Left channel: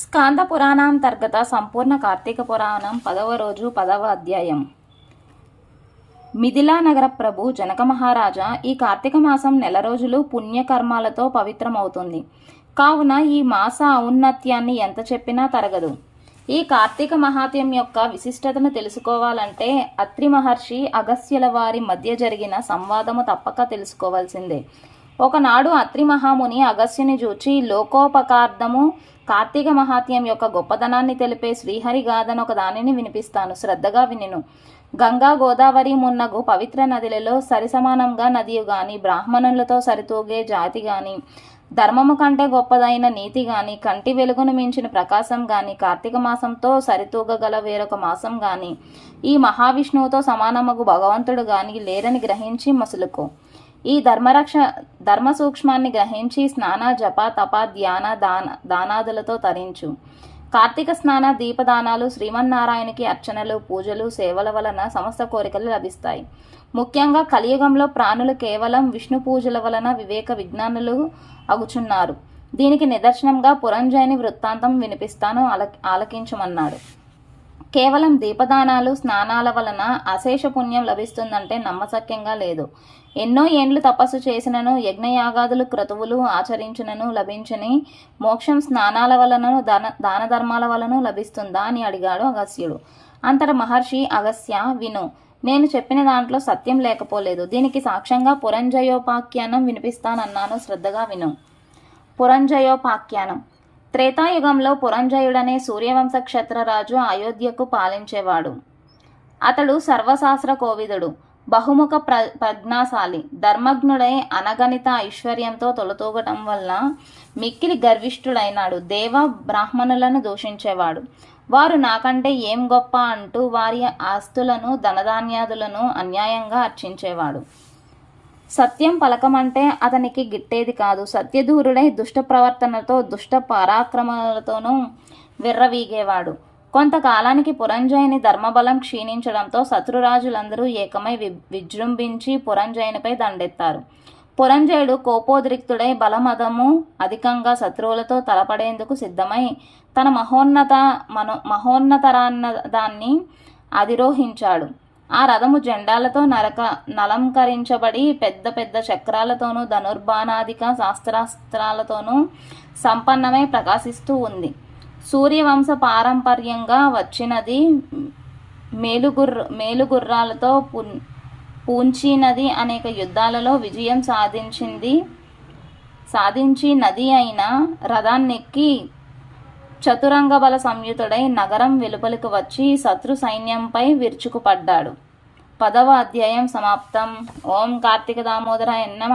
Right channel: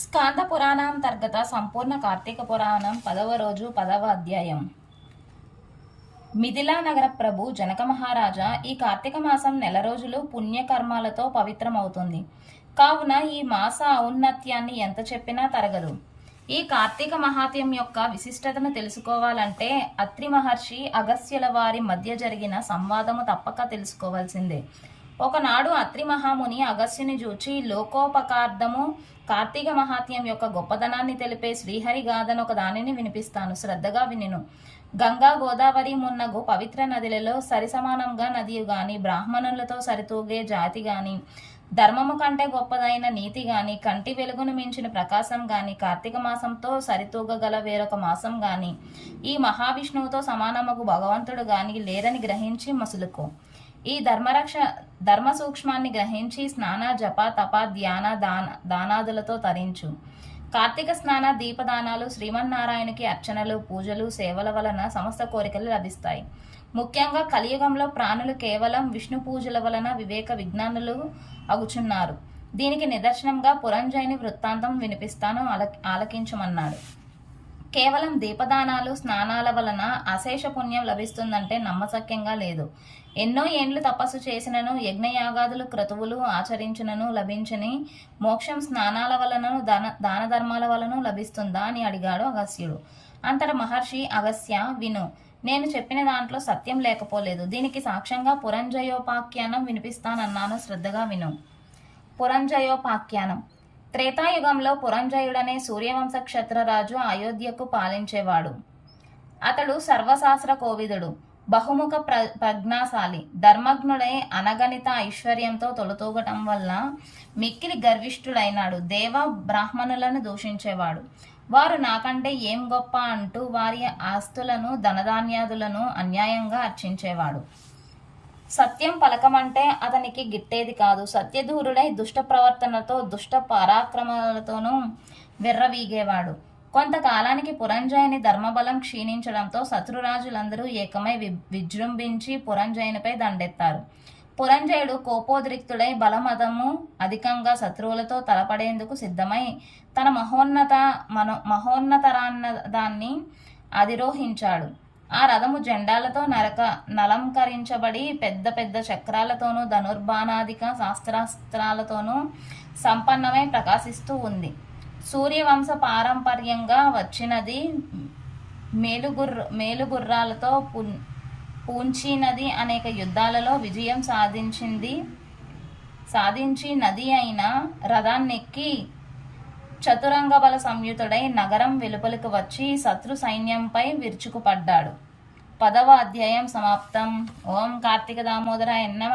స్కాంద పురాణాంతర్గత సంపూర్ణ కార్తీక పురాణం పదవ రోజు పదవ అధ్యాయం. మిథిలా నగర ప్రభు జనక మహారాజా ఈ కార్తీక మాసం నెల రోజులు పుణ్యకర్మాలతో పవిత్రమవుతుంది. కావున ఈ మాస ఔన్నత్యాన్ని ఎంత చెప్పినా తరగదు. ఈ కార్తీక మహాత్యం యొక్క విశిష్టతను తెలుసుకోవాలంటే అత్రి మహర్షి అగస్త్యుల వారి మధ్య జరిగిన సంవాదము తప్పక తెలుసుకోవాల్సిందే. ఒకనాడు అత్రి మహాముని అగస్త్యుని చూచి లోకోపకార్థము కార్తీక మహాత్యం యొక్క గొప్పతనాన్ని తెలిపే శ్రీహరి గాథను ఒక దానిని వినిపిస్తాను. శ్రద్ధగా వినిను. గంగా గోదావరి మున్నగు పవిత్ర నదులలో సరిసమానంగా నదియు గాని బ్రాహ్మణులతో సరితూగే జాతి గాని ధర్మము కంటే గొప్పదైన నీతి గాని కంటి వెలుగును మించిన ప్రకాశం గాని కార్తీక మాసంతో సరితూగగల వేరొక మాసం గాని ఈ మహావిష్ణువుతో సమానమగు భగవంతుడు గాని లేరని గ్రహించి మసులుకో. ఈ ధర్మరక్ష ధర్మ సూక్ష్మాన్ని గ్రహించి స్నాన జప తప ధ్యాన దాన దానాదులతో తరించు. కార్తీక స్నాన దీపదానాలు శ్రీమన్నారాయణకి అర్చనలు పూజలు సేవల వలన సమస్త కోరికలు లభిస్తాయి. ముఖ్యంగా కలియుగంలో ప్రాణులు కేవలం విష్ణు పూజల వలన వివేక విజ్ఞానులు అగుచున్నారు. దీనికి నిదర్శనంగా పురంజయుని వృత్తాంతం వినిపిస్తాను ఆల ఆలకించమన్నాడు. కేవలం దీపదానాలు స్నానాల వలన అశేష పుణ్యం లభిస్తుందంటే నమ్మశక్యంగా లేదు. ఎన్నో ఏండ్లు తపస్సు చేసినను యజ్ఞయాగాదులు క్రతువులు ఆచరించినను లభించని మోక్షం స్నానాల వలనను దాన దాన ధర్మాల వలన లభిస్తుందా అని అడిగాడు అగస్త్యుడు. అంతట మహర్షి అగస్య విను. నేను చెప్పిన దాంట్లో సత్యం లేకపోలేదు. దీనికి సాక్ష్యంగా పురంజయోపాఖ్యానం వినిపిస్తానన్నాను. శ్రద్ధగా విను. పురంజయోపాఖ్యానం. త్రేతాయుగంలో పురంజయుడనే సూర్యవంశ క్షత్రరాజు అయోధ్యకు పాలించేవాడు. అతడు సర్వశాస్త్ర కోవిదుడు బహుముఖ ప్ర ప్రజ్ఞాశాలి ధర్మజ్ఞుడై అనగణిత ఐశ్వర్యంతో తొలతూగటం వల్ల మిక్కిలి గర్విష్ఠుడైనాడు దేవ బ్రాహ్మణులను దూషించేవాడు. వారు నాకంటే ఏం గొప్ప అంటూ వారి ఆస్తులను ధనధాన్యాదులను అన్యాయంగా అర్చించేవాడు. సత్యం పలకమంటే అతనికి గిట్టేది కాదు. సత్యదూరుడై దుష్ట ప్రవర్తనతో దుష్ట పరాక్రమాలతోనూ విర్రవీగేవాడు. కొంతకాలానికి పురంజయుని ధర్మబలం క్షీణించడంతో శత్రురాజులందరూ ఏకమై వి విజృంభించి పురంజయునిపై దండెత్తారు. పురంజయుడు కోపోద్రిక్తుడై బలమదము అధికంగా శత్రువులతో తలపడేందుకు సిద్ధమై తన మహోన్నత మనో మహోన్నతరాన్నదాన్ని అధిరోహించాడు. ఆ రథము జెండాలతో నరక నలంకరించబడి పెద్ద పెద్ద చక్రాలతోనూ ధనుర్బాణాధిక శాస్త్రాస్త్రాలతోనూ సంపన్నమై ప్రకాశిస్తూ ఉంది. సూర్యవంశ పారంపర్యంగా వచ్చినది మేలుగుర్ర మేలుగుర్రాలతో పూంచి నది అనేక యుద్ధాలలో విజయం సాధించింది సాధించి నది అయిన రథాన్నెక్కి చతురంగ బల సంయుతుడై నగరం వెలుపలకు వచ్చి శత్రు సైన్యంపై విరుచుకుపడ్డాడు. పదవ అధ్యాయం సమాప్తం. ఓం కార్తీక దామోదరాయ నమ.